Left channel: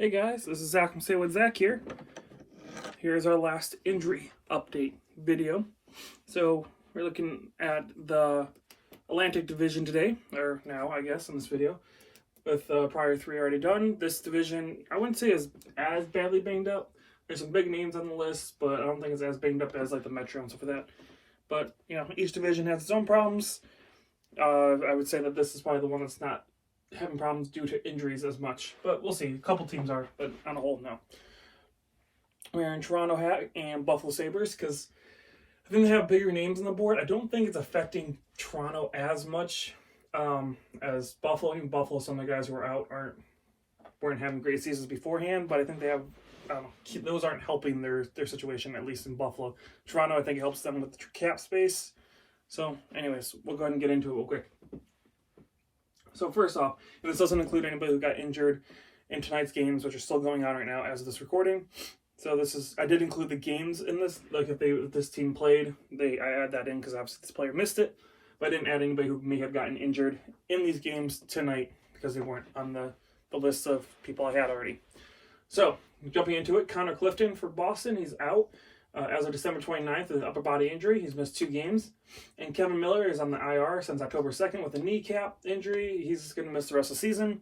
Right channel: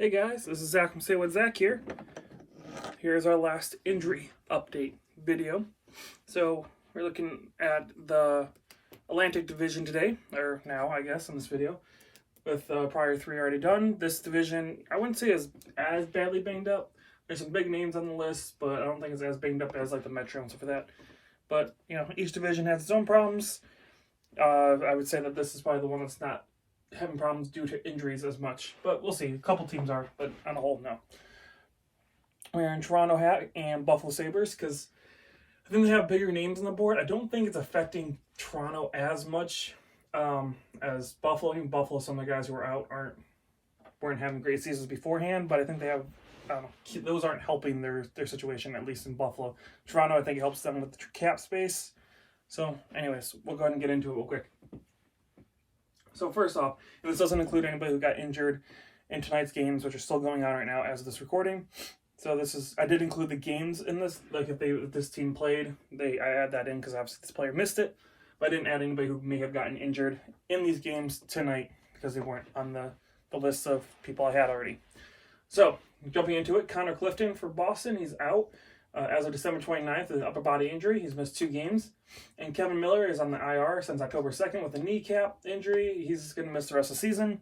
Hey guys, this is Zach from Say What Zach here. Here's our last injury update video. So we're looking at the Atlantic Division today, or now I guess in this video, with the prior three already done. This division, I wouldn't say is as badly banged up. There's some big names on the list, but I don't think it's as banged up as like the Metro and stuff like that. But, you know, each division has its own problems. I would say that this is probably the one that's not having problems due to injuries as much, but we'll see. A couple teams are, but on the whole, no. We're in Toronto and Buffalo Sabres because I think they have bigger names on the board. I don't think it's affecting Toronto as much as Buffalo. Even Buffalo, some of the guys who were out weren't having great seasons beforehand, but I think they have, I don't know, those aren't helping their situation, at least in Buffalo. Toronto, I think it helps them with the cap space. So, anyways, we'll go ahead and get into it real quick. So first off, this doesn't include anybody who got injured in tonight's games, which are still going on right now as of this recording. So I did include the games in this, like if this team played, I add that in because obviously this player missed it, but I didn't add anybody who may have gotten injured in these games tonight because they weren't on the list of people I had already. So jumping into it, Connor Clifton for Boston, he's out as of December 29th with an upper body injury. He's missed 2 games. And Kevin Miller is on the IR since October 2nd with a kneecap injury. He's going to miss the rest of the season.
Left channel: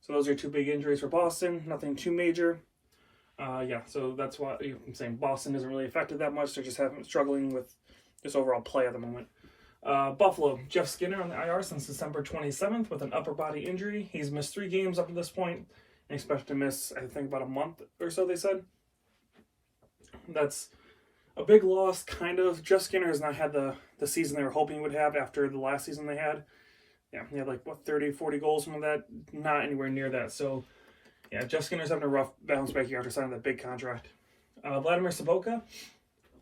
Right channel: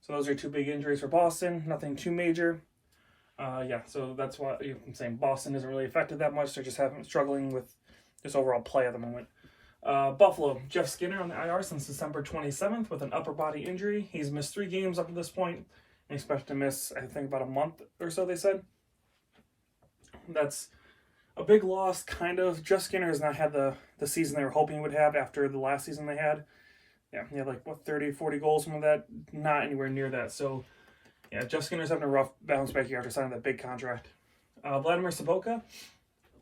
So those are 2 big injuries for Boston. Nothing too major. So that's why I'm saying Boston isn't really affected that much. They're just struggling with just overall play at the moment. Buffalo, Jeff Skinner on the IR since December 27th with an upper body injury. He's missed 3 games up to this point and expected to miss, I think, about a month or so, they said. That's a big loss, kind of. Jeff Skinner has not had the season they were hoping he would have after the last season they had. Yeah, he had 30, 40 goals, some of that. Not anywhere near that. So, yeah, Jeff Skinner's having a rough bounce back here after signing that big contract. Vladimir Sobotka,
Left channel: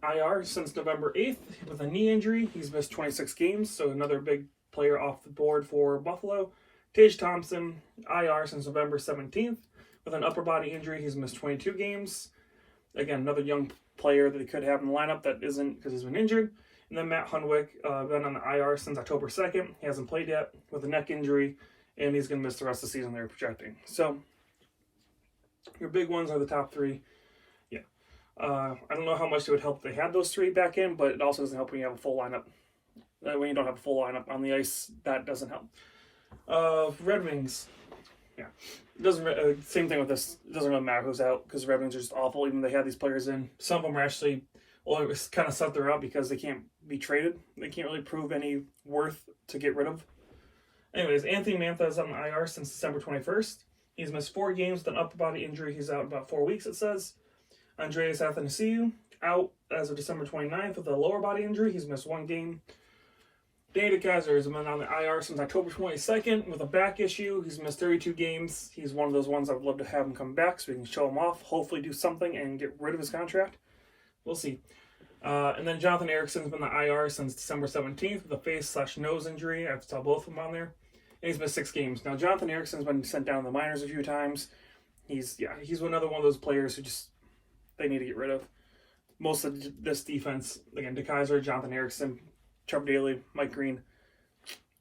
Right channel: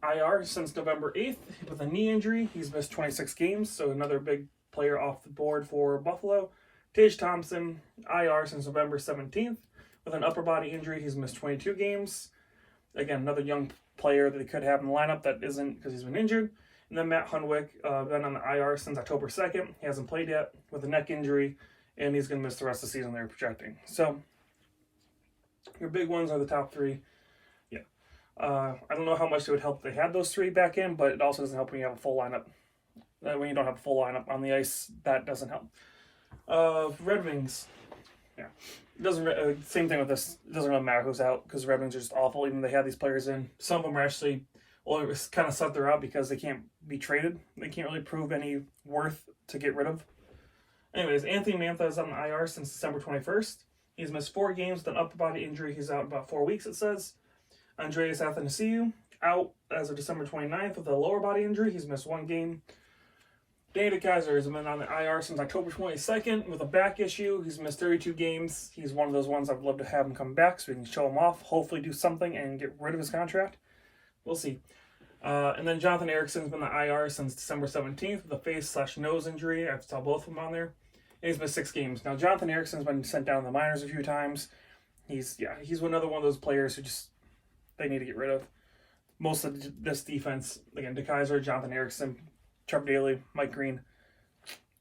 IR since November 8th with a knee injury. He's missed 26 games, so another big player off the board for Buffalo. Tage Thompson, IR since November 17th with an upper body injury. He's missed 22 games. Again, another young player that he could have in the lineup that isn't because he's been injured. And then Matt Hunwick, been on the IR since October 2nd. He hasn't played yet with a neck injury, and he's going to miss the rest of the season they're projecting. So, your big ones are the top 3. Yeah. I don't know how much it would help if they had those 3 back in, but it also doesn't help when you have a full lineup. When you don't have a full lineup on the ice, that doesn't help. Red Wings. Yeah. It doesn't same thing with this. It doesn't really matter who's out because Red Wings are just awful. Even though they have these players in, some of them are actually, well, it was kind of set they're out because they can't be traded. They can't really prove any worth to get rid of. Anyways, Anthony Mantha is on the IR since December 21st. He's missed 4 games with an upper body injury. He's out about 4 weeks, it says. Andreas Athanasiou out as of December 29th with a lower body injury. He's missed 1 game. Danny DeKeyser has been on the IR since October 22nd with a back issue. He's missed 32 games. He's one of those ones I would love to have him come back so we can show him off, hopefully do something and get rid of his contract. We'll see. And then Jonathan Ericsson's been on the IR since December 17th with a face/nose injury. I saw both of them on there. And he's missed 6 games. Now, Jonathan Ericsson's been sent down to the minors a few times. He's another one of those players who they need to get rid of. Most of this defense, again, DeKeyser, Jonathan Ericsson, Trevor Daley, Mike Green,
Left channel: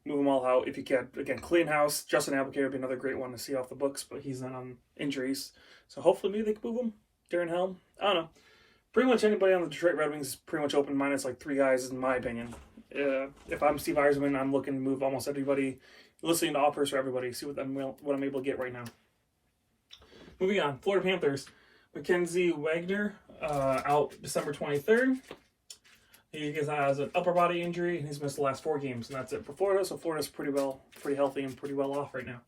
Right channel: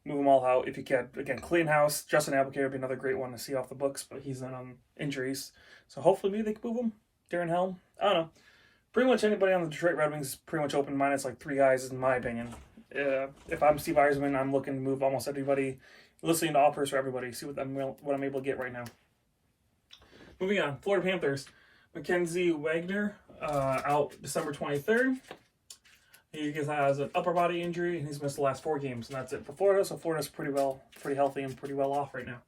move them all out if you can. Again, clean house. Justin Applicator would be another great one to see off the books, but he's in on injuries. So hopefully maybe they can move him. Darren Helm, I don't know. Pretty much anybody on the Detroit Red Wings is pretty much open minus 3 guys, in my opinion. If I'm Steve Yzerman, I'm looking to move almost everybody, listening to offers for everybody, see what I'm able to get right now. Moving on, Florida Panthers. Mackenzie Wagner out December 23rd. He has an upper body injury, and he's missed the last 4 games, and that's it for Florida. So Florida's pretty healthy and pretty well off right now.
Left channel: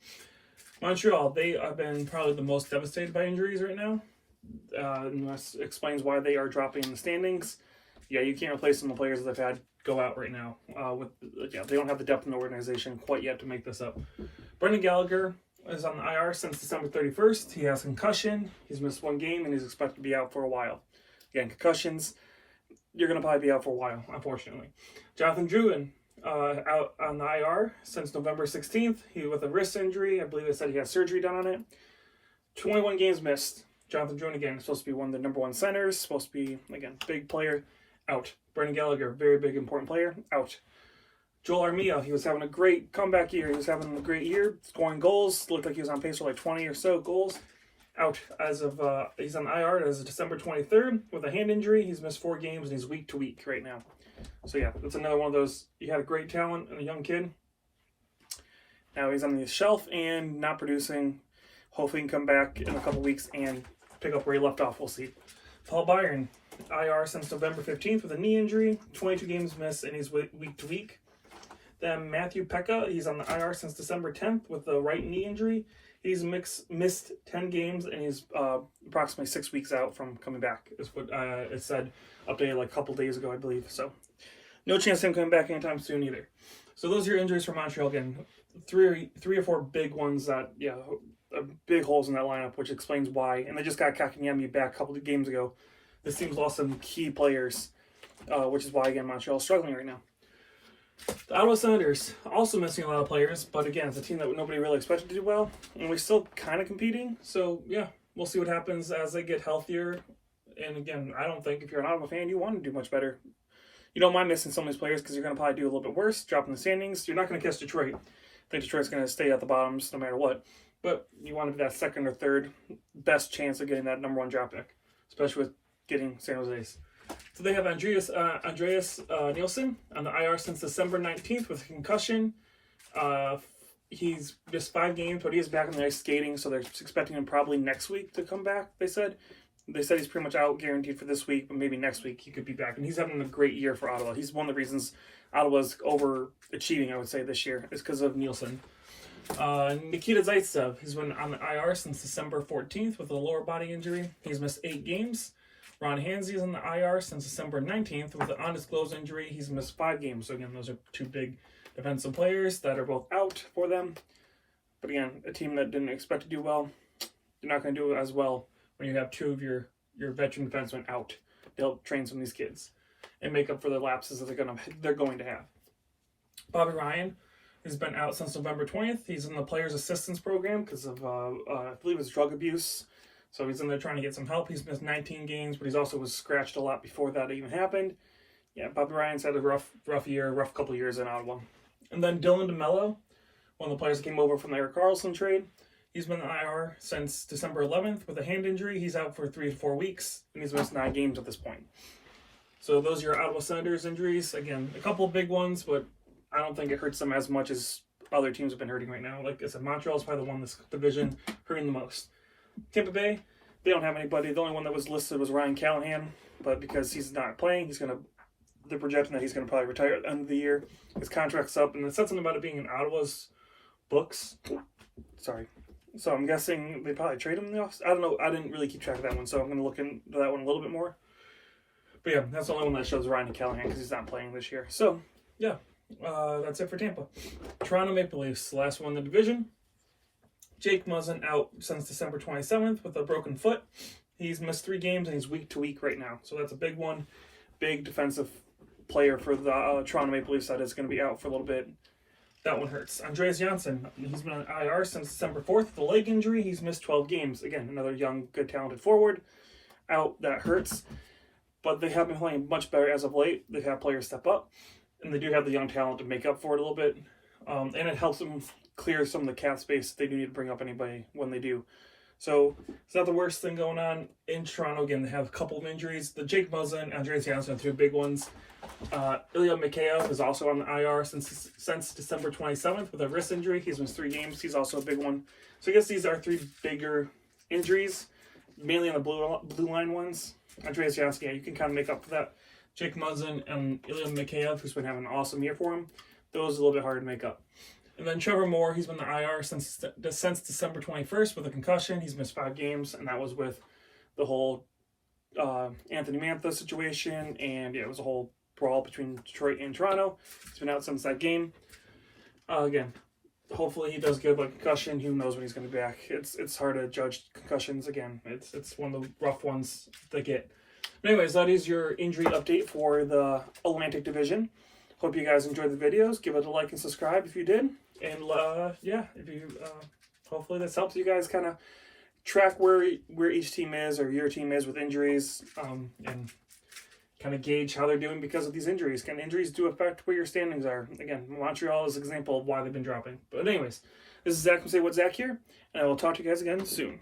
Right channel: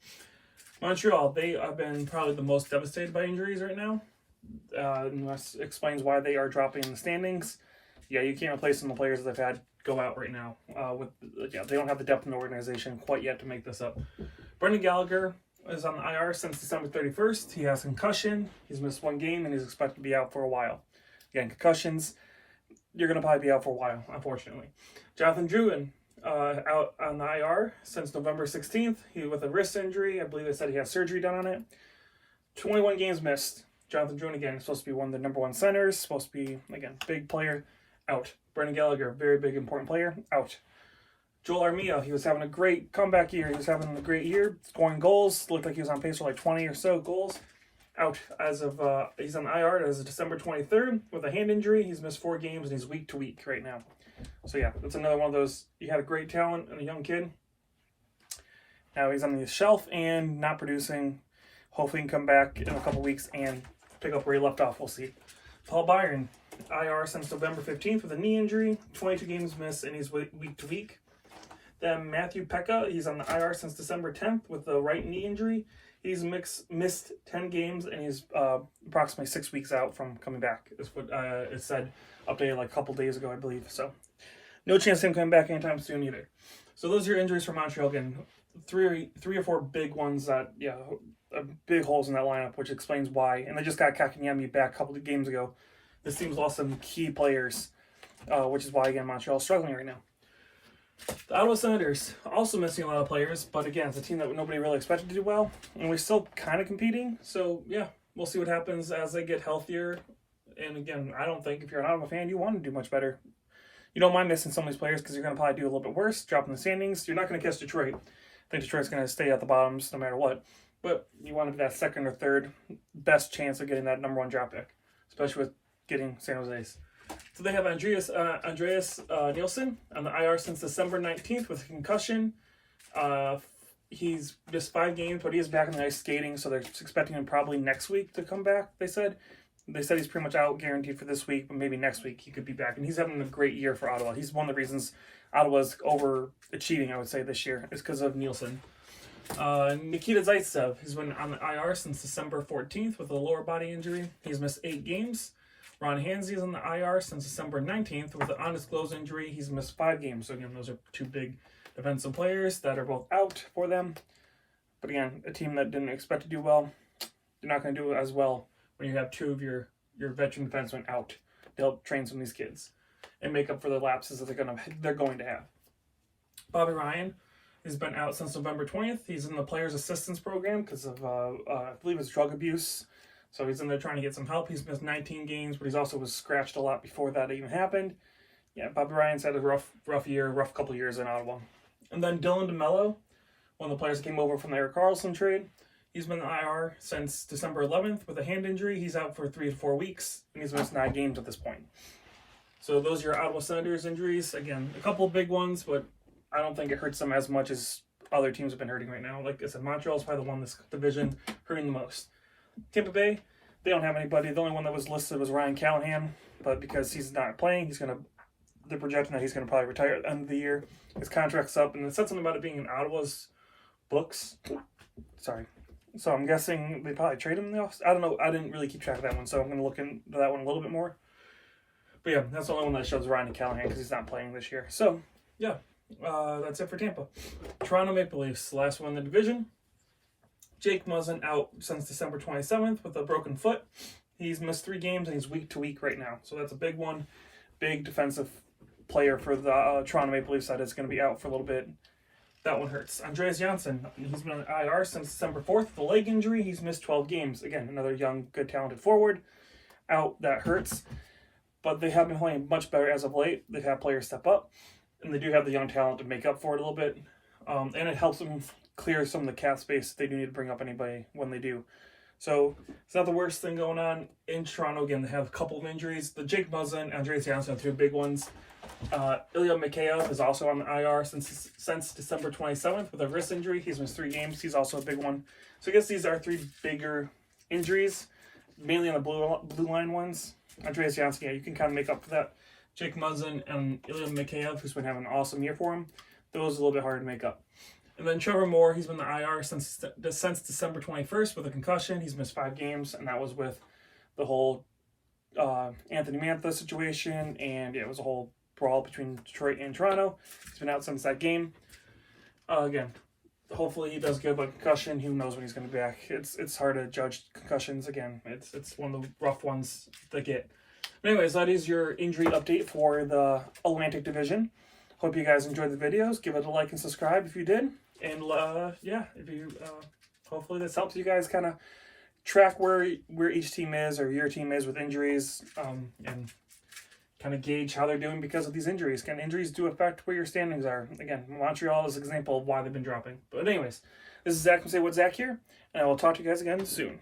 Montreal, they have been probably the most devastated by injuries right now. And that explains why they are dropping in the standings. Yeah, you can't replace some of the players that they've had go out right now. They don't have the depth in the organization quite yet to make this up. Brendan Gallagher is on the IR since December 31st. He has concussion. He's missed 1 game, and he's expected to be out for a while. Again, concussions, you're going to probably be out for a while, unfortunately. Jonathan Drouin, out on the IR since November 16th. He with a wrist injury. I believe they said he has surgery done on it. 21 games missed. Jonathan Drouin, again, supposed to be one of the number 1 centers. Supposed to be, again, big player. Out. Brendan Gallagher, very big, important player. Out. Joel Armia, he was having a great comeback year. He was having a great year, scoring goals. Looked like he was on pace for 20 or so goals. out as of, he's on IR as of December 23rd with a hand injury. He's missed 4 games and he's week to week right now. So yeah, that's another one of those, he had a great talent and a young kid. Now he's on the shelf and not producing. Hopefully he can come back in a couple weeks and pick up where he left off. We'll see. Paul Byron, IR since November 15th with a knee injury, 22 games missed, and he's week to week. Then Matthew Pekka, he's on the IR since December 10th with a right knee injury. He's missed 10 games, and he's approximately 6 weeks out from coming back, is what it said, updated like a couple days ago, I believe. So no chance of him coming back anytime soon either. So those are your injuries for Montreal. Again, three or four big ones that, yeah, big holes in that lineup, which explains why. And they just got Kakanyemi back a couple of games ago. This team's lost some key players, which is why, again, Montreal's struggling right now. The Ottawa Senators also missing a lot of players, but again, it's a team that nobody really expected to do well, and we're still kind of competing. So, yeah, we'll see what happens as they get healthier. And again, I don't think if you're an Ottawa fan, you want to do much better. You don't mind missing some of these players because you're going to probably do a little bit worse, drop in the standings. You're not going to catch Detroit. I think Detroit's going to stay at the bottoms no matter what. But you want that second or third best chance of getting that number 1 draft pick, especially with getting San Jose's. So they have Andreas Nielsen on the IR since December 19th with a concussion. He's missed 5 games, but he is back on the ice skating, so they're expecting him probably next week to come back, they said. They said he's pretty much out guaranteed for this week, but maybe next week he could be back. And he's having a great year for Ottawa. He's one of the reasons Ottawa's overachieving, I would say, this year, is because of Nielsen. Nikita Zaitsev, he's been on the IR since December 14th with a lower body injury. He's missed 8 games. Ron Hansi's on the IR since December 19th with an undisclosed injury. He's missed 5 games. So again, those are 2 big defensive players that are both out for them. But again, a team that didn't expect to do well, they're not going to do as well when you have 2 of your veteran defensemen out to help train some of these kids and make up for the lapses that they're going to have. Bobby Ryan, he's been out since November 20th. He's in the Players Assistance Program because of, I believe it's drug abuse. So he's in there trying to get some help. He's missed 19 games, but he's also was scratched a lot before that even happened. Yeah, Bobby Ryan's had a rough couple of years in Ottawa. And then Dylan DeMello, one of the players that came over from the Erik Karlsson trade. He's been in IR since December 11th with a hand injury. He's out for 3 to 4 weeks, and he's missed 9 games at this point. So those are your Ottawa Senators injuries. Again, a couple of big ones, but I don't think it hurts them as much as other teams have been hurting right now. Like I said, Montreal's probably the one in this division hurting the most. Tampa Bay, they don't have anybody. The only one that was listed was Ryan Callahan, but because he's not playing, they're projecting that he's going to probably retire at the end of the year. His contract's up, and it said something about it being in Ottawa's books. Sorry. So I'm guessing they probably trade him in the offseason. I don't know. I didn't really keep track of that one, so I'm going to look into that one a little bit more. But yeah, that's the only one that shows Ryan Callahan because he's not playing this year. So, yeah, that's it for Tampa. Toronto Maple Leafs, last one in the division. Jake Muzzin out since December 27th with a broken foot. He's missed 3 games, and he's week to week right now. So that's a big one. Big defensive player for the Toronto Maple Leafs that is going to be out for a little bit. That one hurts. Andreas Janssen, he's been on IR since December 4th with a leg injury. He's missed 12 games. Again, another young, good, talented forward. Out, that hurts. But they have been playing much better as of late. They have players step up, and they do have the young talent to make up for it a little bit. And it helps them clear some of the cap space if they do need to bring up anybody when they do. So it's not the worst thing going on in Toronto. Again, they have a couple of injuries. The Jake Muzzin, Andreas Janssen are 2 big ones. Ilya Mikheyev is also on the IR since December 27th with a wrist injury. He's missed 3 games. He's also a big one. So I guess these are 3 bigger injuries, mainly on the blue line ones. Andreas Janssen, yeah, you can kind of make up for that. Jake Muzzin and Ilya Mikheyev, who's been having an awesome year for him. Those are a little bit hard to make up. And then Trevor Moore, he's been in the IR since December 21st with a concussion. He's missed 5 games, and that was with the whole Anthony Mantha situation, and it was a whole brawl between Detroit and Toronto. He's been out since that game. Again, hopefully he does good, but concussion, who knows when he's going to be back. It's hard to judge concussions. Again, it's one of the rough ones to get. But anyways, that is your injury update for the Atlantic Division. Hope you guys enjoyed the videos. Give it a like and subscribe if you did. And yeah, if you hopefully this helps you guys kind of track where each team is or your team is with injuries, and kind of gauge how they're doing because of these injuries. Can injuries do affect where your standings are? Again, Montreal is an example of why they've been dropping. But anyways, this is Zach from Say What Zach here, and I will talk to you guys again soon.